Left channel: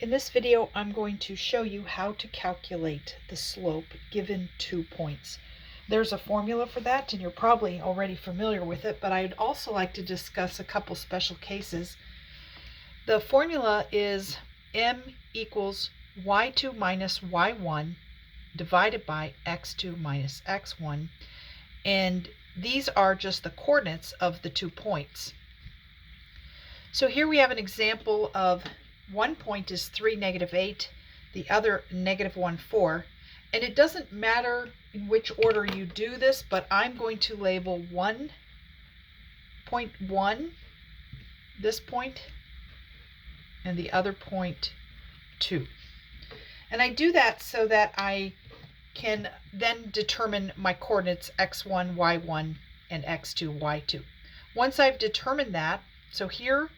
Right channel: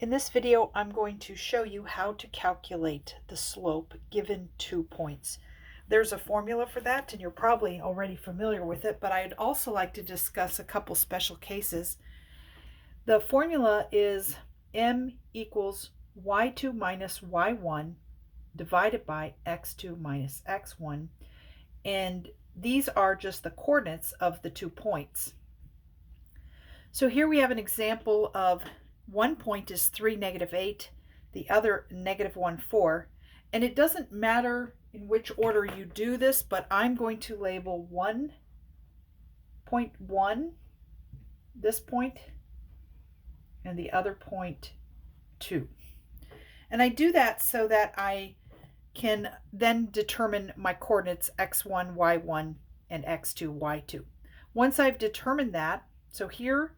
In this video, I'm going to show you how to calculate the slope given 2 points. There's a formula for that, and you're probably already familiar with it, but I'd also like to discuss a couple special cases. The formula is m equals y2 minus y1 divided by x2 minus x1, and these are just the coordinates of the 2 points. So here we have an example of one point is 3, -8, the other -1, 4, and it doesn't matter in which order you do this, but I'm going to label 1.1 this point and the other point 2. And I do that so that I can then determine my coordinates x1, y1, and x2, y2. Once I've determined that, so here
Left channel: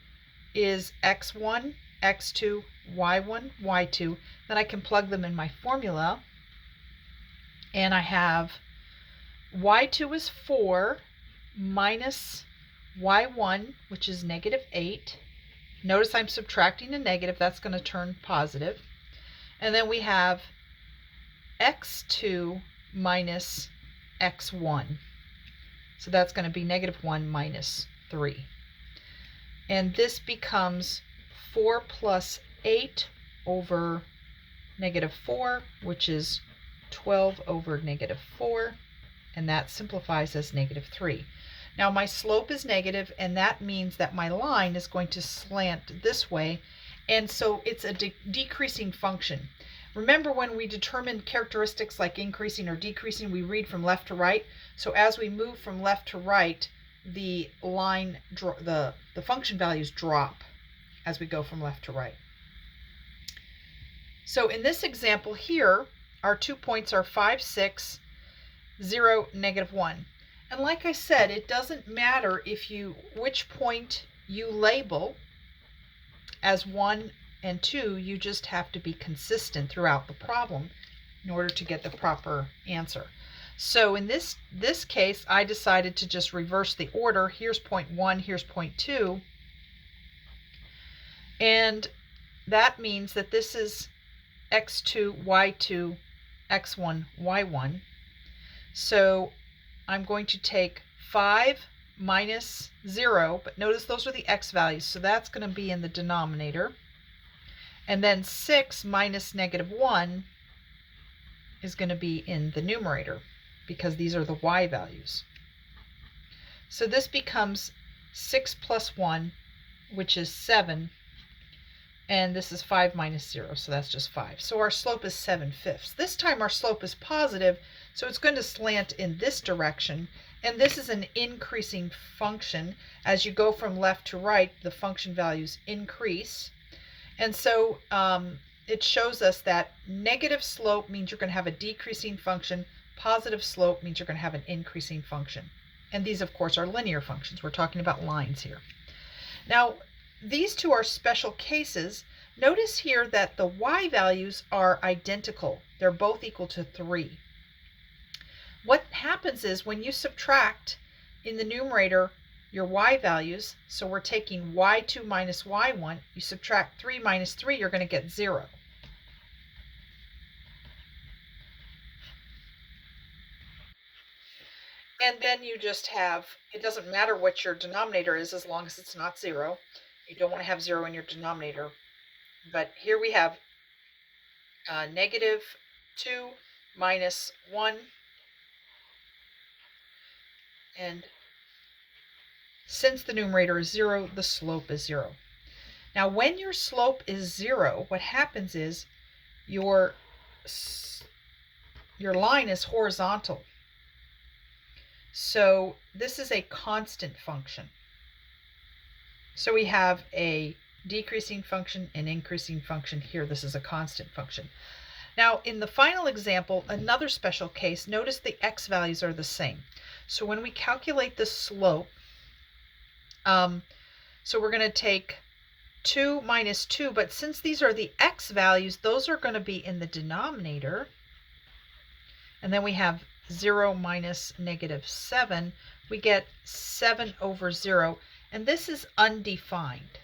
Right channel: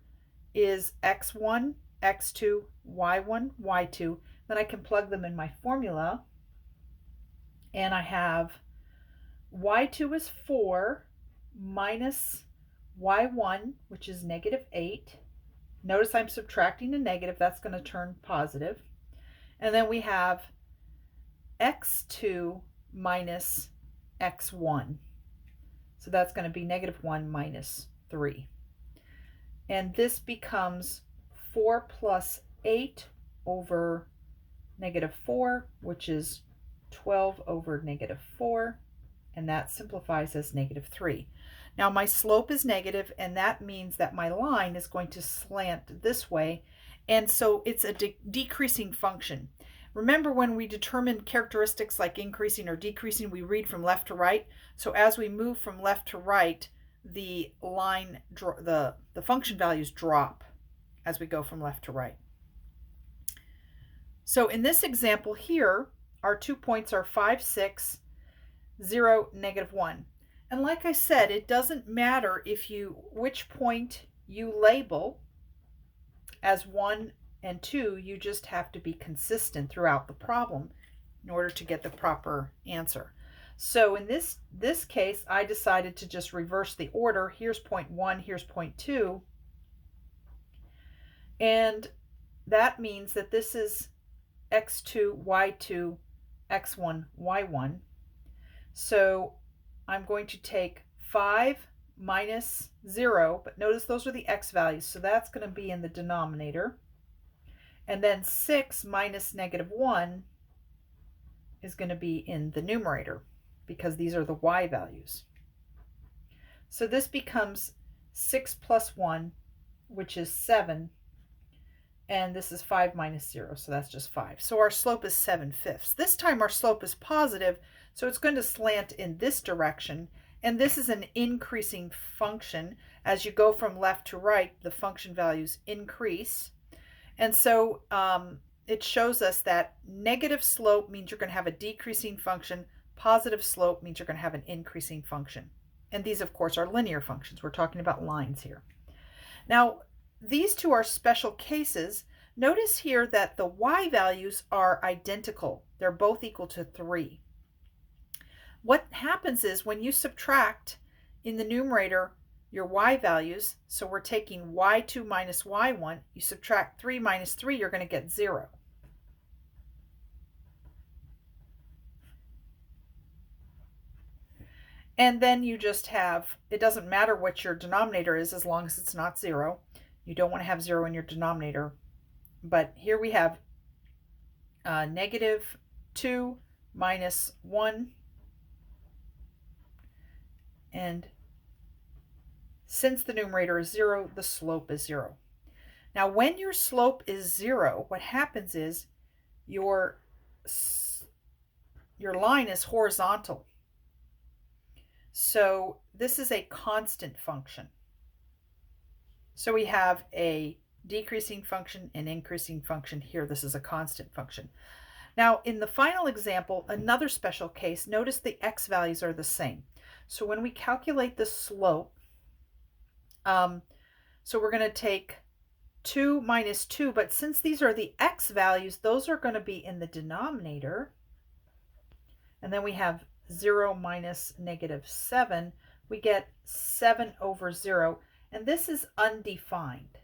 is x1, x2, y1, y2, then I can plug them in my formula, and I have y2 is 4 minus y1, which is -8. Notice I'm subtracting a negative, that's going to turn positive. And then we have x2 minus x1. So that's going to be -1 minus 3. And this becomes 4 plus 8 over -4, which is 12 over -4, and that simplifies as -3. Now my slope is negative, and that means that my line is going to slant this way, and so it's a decreasing function. Remember, when we determine characteristics like increasing or decreasing, we read from left to right. So as we move from left to right, the line, the function values drop as we go from left to right. So in this example here, our 2 points are 5, 6, 0, -1. And like I said, it doesn't matter which point you label as 1 and 2, you just have to be consistent throughout the problem in order to get the proper answer. So in this case, I decided to just reverse the order. Here's point 1, here's point 2. And that means that this is x2, y2, x1, y1. So I'm going to take 5 minus 0, but notice those are the x values, so that's going to be in the denominator. And then 6 minus -1 is going to be in the numerator, because these are the y values. So this becomes 6 plus 1, which is 7, and this is 5 minus 0, so that's just 5. So our slope is 7/5. This time our slope is positive, so it's going to slant in this direction, and this is an increasing function. As you go from left to right, the function values increase. And so it shows us that negative slope means you're going to have a decreasing function. Positive slope means you're going to have an increasing function. And these, of course, are linear functions. We're talking about lines here. Now, these two are special cases. Notice here that the y values are identical. They're both equal to 3. What happens is when you subtract in the numerator your y values, so we're taking y2 minus y1, you subtract 3 minus 3, you're going to get 0. And then you just have, it doesn't matter what your denominator is as long as it's not 0. You don't want to have 0 in your denominator. But here we have -2 minus 1. And since the numerator is 0, the slope is 0. Now, when your slope is 0, what happens is your line is horizontal. So this is a constant function. So we have a decreasing function and increasing function here. This is a constant function. Now, in the final example, another special case, notice the x values are the same. So when we calculate the slope, so we're going to take 2 minus 2, but since these are the x values, those are going to be in the denominator. And then we have 0 minus -7. We get 7 over 0, and this is undefined.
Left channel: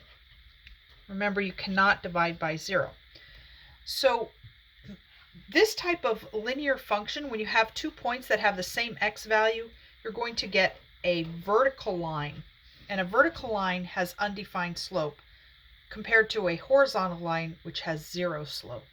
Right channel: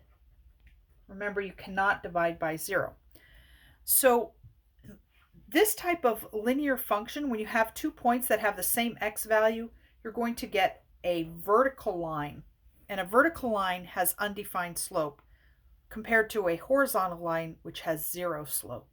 Remember, you cannot divide by 0. So this type of linear function, when you have 2 points that have the same x value, you're going to get a vertical line. And a vertical line has undefined slope compared to a horizontal line which has 0 slope.